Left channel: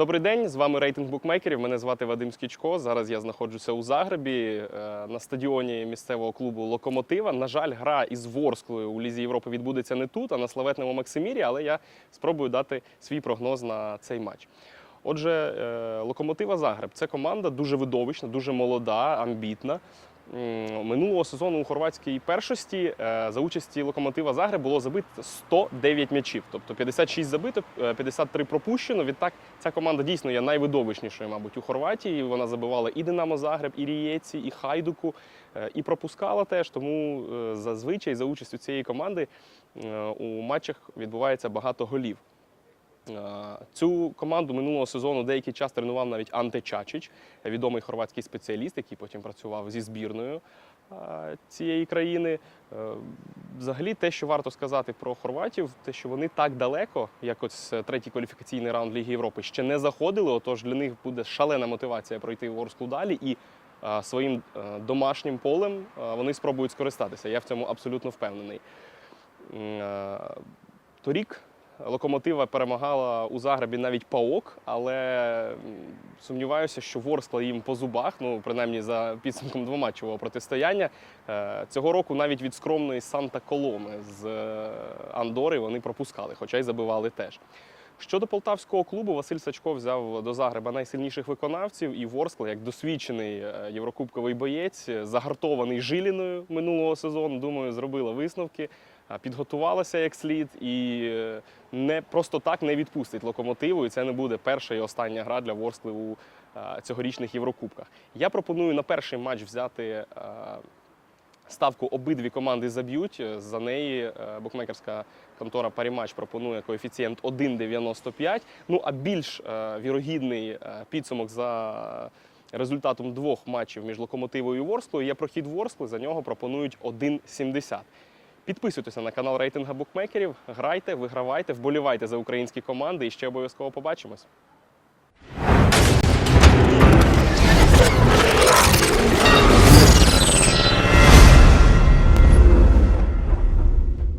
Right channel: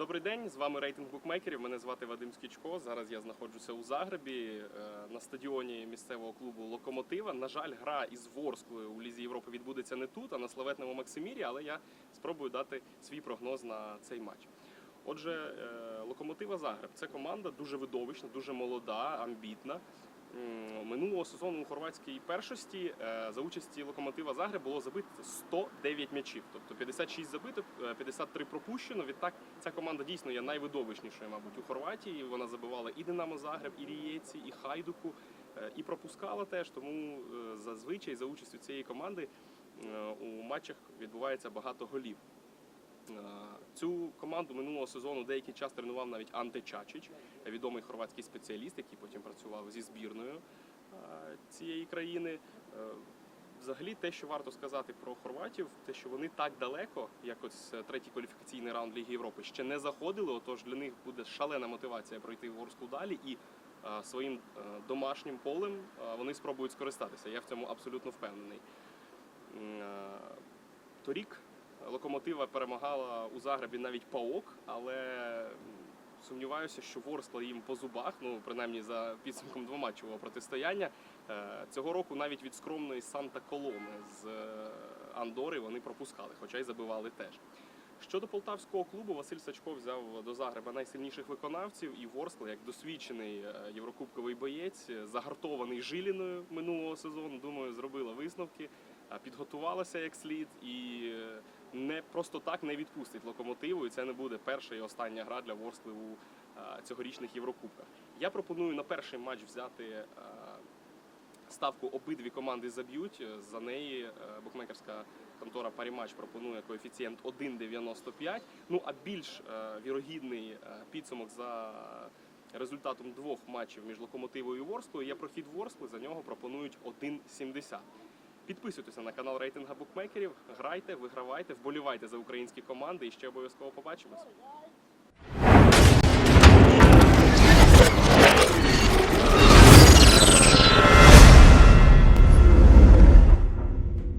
Добрий день, з вами рейтинг букмекерів. Мене звати Вадим Скічко. Зараз я знаходжуся у Загребі е, на стадіоні місцевого клубу Локомотива. На жаль, гра із Ворсклою у Лізі Європи відбудеться не тут, а на славетному Максимірі, але я спробую дати свій прогноз на цей матч. Отже, е, Локомотива Загреб це команда дуже видовищна, дуже молода, амбітна. Минулого сезону у хорватській першості е, за участі локомотива Загреб було забито 109 м'ячів, тобто 56 забиток, е, 53 пропущено. Відтак ця команда дійсно є найвидовищнішою, мабуть, у Хорватії. Вона забивала і Динамо Загреб, і Рієці, і Хайдуку, е, і пропускала теж. Тому е, зазвичай за участю цієї команди у матчах відбувається багато голів. Е, Цю команду минулого сезону деякий час тренував навіть Анте Чачич, відомий хорватський спеціаліст, який потім працював зі збірною е, цієї країни. Е, Взагалі, те, що варто сказати про хорватів, те, що вони так далеко, як ось третій кваліфікаційний раунд Ліги Європи, ще не заходили. Отож для них буде шалена мотивація пройти Ворсклу далі і своїм домашнім полем вони спробують скористатися. Я в цьому абсолютно впевнений. Торік локомотива перемагала у Загребі навіть ПАОК, але сумніваюся, що Ворскла їм по зубах, ну принаймні за підсумком двоматчевого протистояння. Е, Цього року навіть від скромної Санта Коломи з е, Андори вони пропускали, хоча й забивали теж. Щодо полтавського клубу, Василь Сачко взяв до Загреба найсильніших виконавців, і Ворскла, як досвідчений е, єврокубковий боєць, загартований жиліною минулого сезону, думаю, зробила висновки, підготувалася як слід і е, не просто так не відпустить локомотиву. І це не буде перша і остання гра для Ворскли у е, цьогорічних Єврокубках. Я пропоную на перший матч взяти. е, Ставку обидві команди заб'ють. За неї е, букмекерська контора Парімач пропонує коефіцієнт 1,95. Ну а більш е, вірогідний е, підсумок за результатом двох матчів між локомотивою і Ворсклою є прохід Ворскли. За нього пропонують 1,70. Підписуйтеся на канал рейтинга букмекерів, грайте, вигравайте, вболівайте за українські команди і ще обов'язково побачимось.